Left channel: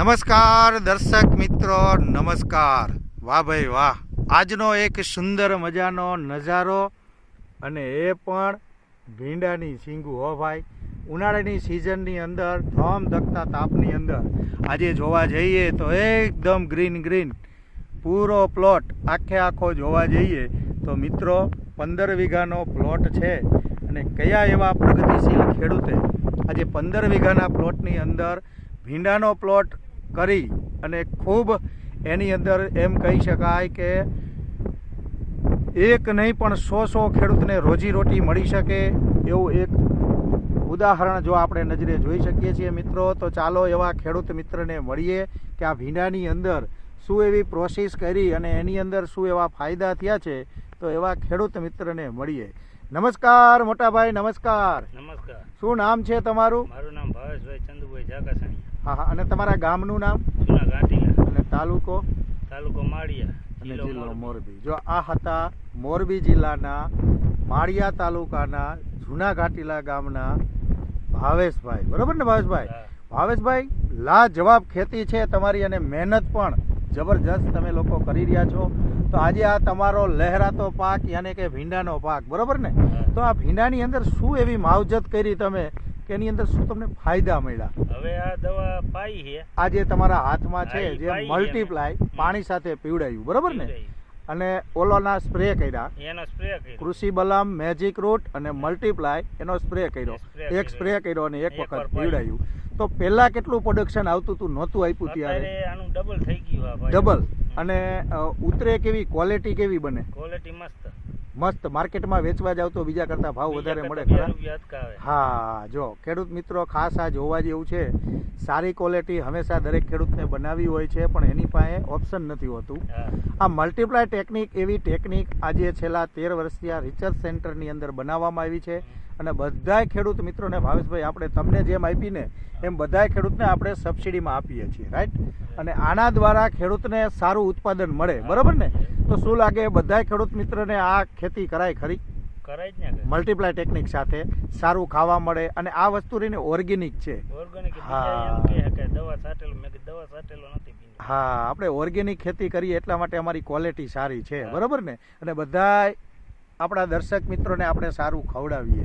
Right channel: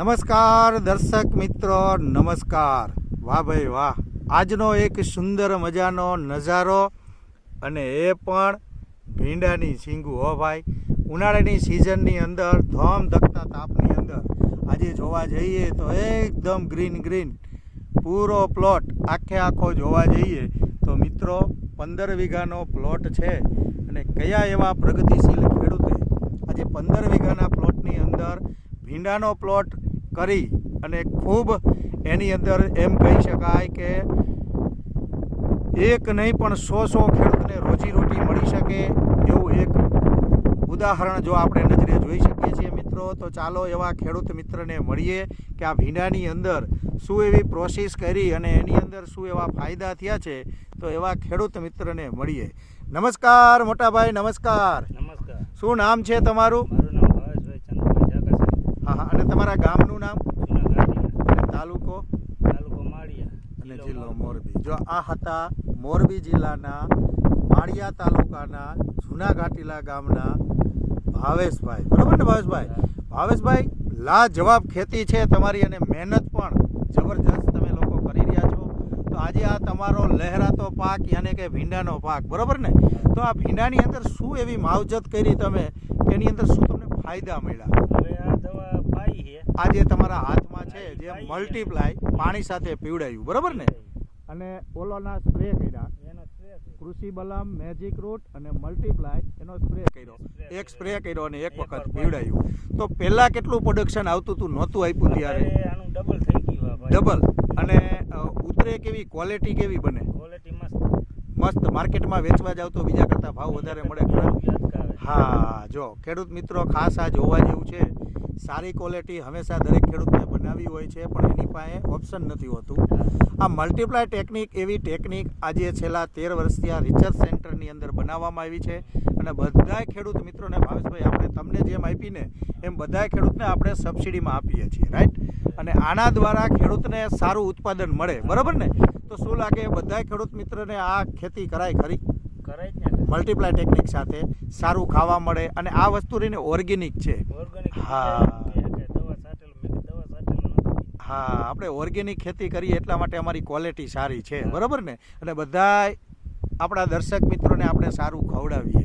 નમસ્કાર દર્શક મિત્રો, નમસ્કાર. વાહ ભાઈ વાહ, આજનો એક સુંદર મજાનો નજારો, અને એ પણ ભીંડાની શીંગું. હો ભાઈ, ઉનાળાની સિઝનની અંદર ધમધકતા તાપની અંદર આજે જોવા જઈએ તો એકદમ ગ્રીન ગ્રીન પૂરો પ્લોટ આખો જોવા જઈએ તો મિત્રો 15 વીઘાનો પ્લોટ છે. અને કયા એવા પ્રગતિશીલ ખેડૂતે આજે 15 વીઘાના પ્લોટની અંદર ભીંડાનો પ્લોટ કરી અને ખૂબ એની અંદર એમ કહી શકાય કે એક નહીં પણ 100 ખેડૂતને રોજીરોટી મળી શકે એવું એક ઉદાહરણ જો આપણે નજરે જોઈ શકીએ છીએ મિત્રો. તો ચાલો એવા ખેડૂત મિત્રને મળીએ કે આ ભીંડાની અંદર શું એવી પ્રોસેસ કરી અને એની અંદર શું એવા ફાયદા થયા છે. તો એવા ખેડૂત મિત્રને મળીએ. નમસ્કાર મોટાભાઈ, નમસ્કાર. નમસ્કાર. શું નામ છે તમારું? મારું નામ ભાવેશભાઈ ચંદ્રભાઈ જાકાસાણી. હા, અને તમારા ગામનું નામ? જૂના ઘાટીલા. અને તાલુકો? તાલુકો માળિયા અને જિલ્લો મોરબી. જો આ હતા મોરબી જિલ્લાના માળિયા તાલુકાના જૂના ઘાટીલા ગામના ભાવેશભાઈ. બરોબર ને ભાવેશભાઈ? ભાવેશભાઈ, લાજવાબ ખેતી છે તમારી અને મહેનત પણ જબરજસ્ત તમે લોકો કરી રહ્યા છો. તો આજે આ તમારો લહેરાતો પાક યાને કે ભીંડાનો પાક, બરોબર ને? તો આ ભીંડાની અંદર શું એવી માવજત કરી તમે કે એની અંદર શું તમને ફાયદા મળ્યા? હવે આ દવા પાઈ છે આ જે તમારા હાથમાં છે હા, એ જે પાઈ મલ્ટીપ્લાય પાણી સાથે પીવડાયું, બરોબર ને? અને ઓલોના સ્પ્રે કર્યા, એનો સ્પ્રે કર્યો. કૃષિ બલમ, મેજિક રૂટ અને મલ્ટીપ્લાય એનો સ્પ્રે કર્યો. એક સ્પ્રે કર્યો અને એક વખત પીવડાયું. તો પહેલા કેટલું પ્રોડક્શન આવતું હતું? નહોતું આપ્યું ત્યારે? અત્યારે આનું ડબલ થઈ ગયું આ ભાઈ. ડબલ. અને ઉતરે કેવી, ક્વોલિટી કેવી બને? ક્વોલિટી મસ્ત. મસ્ત. માર્કેટમાં વેચવા જાવ તો બીજા કરતાં ભાવ વધારે મળે? બીજા કરતાં 2 રૂપિયા અટકાવે. હા, જો ખેડૂત મિત્રો ખાસ આ જોવા જેવું છે. સારી ક્વોલિટી હંમેશા દરેક ખેડૂતને બનાવવી હોય છે, પણ એની પાસે ઓપ્શન નથી હોતું. આ મલ્ટીપ્લાય ટેકનિક એવી ટેકનિક આજે છેલ્લા 13 વર્ષથી આ રિસર્ચ સેન્ટરની અંદર બનાવવામાં આવી છે. અને બધાય ખેડૂત મિત્રોને ભાવેશભાઈ આપણે તમને જેમ આપીને એમ બધાય ખેડૂતને આપણે સબસિડીમાં આપીએ છીએ, રાઈટ? અને આના દ્વારા ખેડૂતને સારું ઉત્પાદન મળે, બરાબર ને? તો શું લાગે બધાય ખેડૂત મિત્રને આ ખેતી કરાય ખરી? કરાય જ ને. મલ્ટીપ્લાય ટેકનિક સાથે સારું ખાવા મળે અને આ વસ્તુ રહીને ઓર્ગેનિક છે. ઓર્ગેનિક. હા. દવા છાંટેલું, મેં કીધું દવા છાંટેલું નથી. હા, આપણે ઓર્ગેનિક ખેતી કરીએ એટલા માટે અમારી ક્વોલિટી સારી છે, બરાબર ને? અને બધાય આપણા દર્શક મિત્રોને આપણે સારું ખવડાવીએ,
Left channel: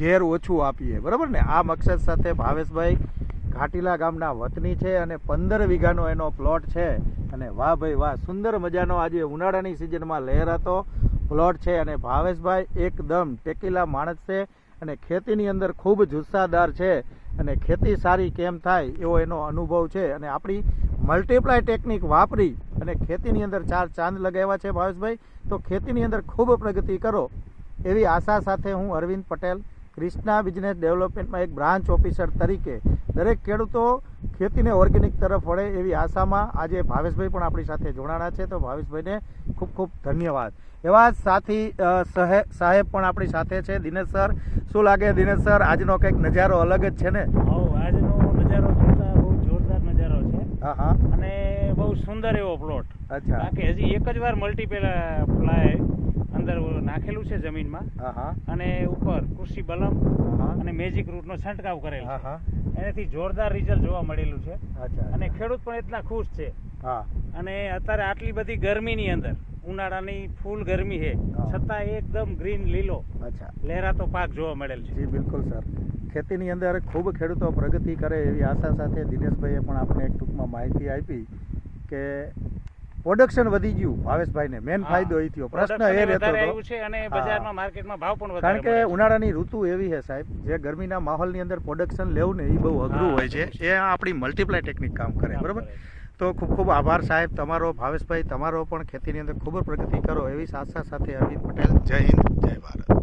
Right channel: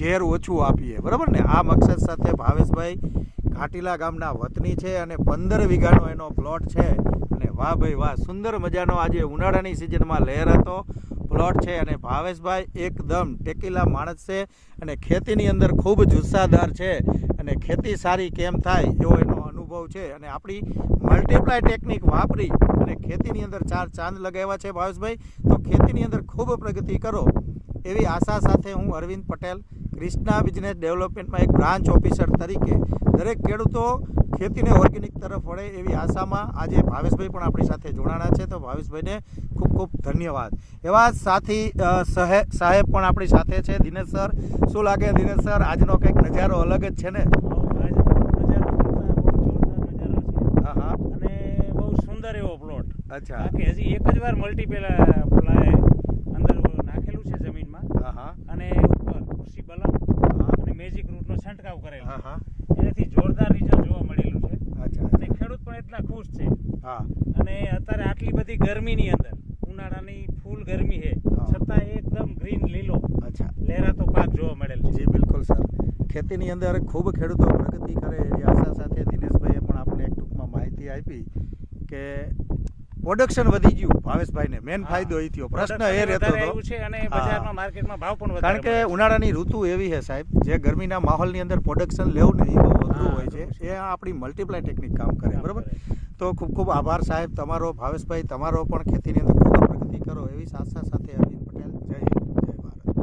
ઝેર ઓછું આપીએ, બરાબર ને? આ મકસદ સાથે ભાવેશભાઈ ઘાટીલા ગામના વતની છે અને 15 વીઘાનો એનો પ્લોટ છે. અને વાહ ભાઈ વાહ, સુંદર મજાનો આજે ઉનાળાની સિઝનમાં લહેરાતો પ્લોટ છે. અને ભાવેશભાઈ એકદમ ટેકીલા માણસ છે અને ખેતીની અંદર ખૂબ જુસ્સાદાર છે અને ખેતી સારી કેમ થાય એવો એનો અનુભવ છે. અને આપણી મલ્ટીપ્લાય ટેકનિક વાપરી અને ખેતીની અંદર 4 ચાંદ લગાવ્યા છે ભાવેશભાઈ. તો ખેતીની અંદર ખૂબ પ્રગતિ કરો એવી આશા સાથે હું અરવિંદ પટેલ, ક્રિષ્ના બિઝનેસ ડેવલપમેન્ટમાં એક બ્રાન્ચ ઓફિસર તરીકે દરેક ખેડૂતો ખેતીને ઓર્ગેનિક તરફ વળે એવી આશામાં આજે ભાવેશભાઈ પણ આપણી સાથે જોડાણા છે. તો ભાવેશભાઈને ખૂબ ખૂબ ધન્યવાદ. એવા સાથી સાહેબ પણ આપણી સાથે છે, દિનેશ સર. શું લાગે દિનેશ સર, આજનો કંઈક નજારો અલગ જ છે ને? આજનો નજારો જોતા બહુ જોરદાર નજારો છે. હા હા. અને બહુ સુંદર એવો પ્લોટ. અચ્છા. બાકી હજી એક જ વાર મલ્ટીપ્લાય અંદર નાખેલું છે જમીનમાં. હા હા. અને ઉપર કૃષિ બલમ અને મેજિક રૂટનો છંટકાવ કરેલો. હા હા. એનાથી જોરદાર રિઝલ્ટ જોવા મળેલું છે. અચ્છા. અને ખેડૂત પણ એટલા ખુશ છે. હા. અને અત્યારે આટલી બધી ગરમીની અંદર, ઉનાળાની ફૂલ ગરમી છે, છતાં એકદમ ગ્રીન લીલો અચ્છા લહેરાતો પાક જોવા મળેલ છે. જી બિલકુલ સર. ખેતીની અંદર ખૂબ ખેડૂતો પ્રગતિ કરે એવી આશા સાથે દિનેશભાઈએ પણ આપણે એક ટૂંકમાં માહિતી આપી કે પ્રોડક્શન વધી ગયું. ભાવેશભાઈને મેન ફાયદો એ થયો. પ્રશ્ન એ રહેતો હતો છે અને બજારમાં માર્કેટમાં ભાવ પણ વધારે, કારણ કે ઉનાળાની ઋતુ એવી છે સાહેબ, જે ગરમીના માહોલની અંદર પ્રોડક્શન લેવું ને એ બહુ અઘરું હોય છે. એ આપણી મલ્ટીપ્લાય ટેકનિક કામ કરે, બરાબર? તો ખૂબ ખૂબ આભાર સાહેબ તમારો. ભાવેશભાઈ તમારો પણ ખેતીની અંદર ખૂબ પ્રગતિ કરો એવી આશા સાથે અરવિંદ પટેલ. જય હિન્દ, જય ભારત.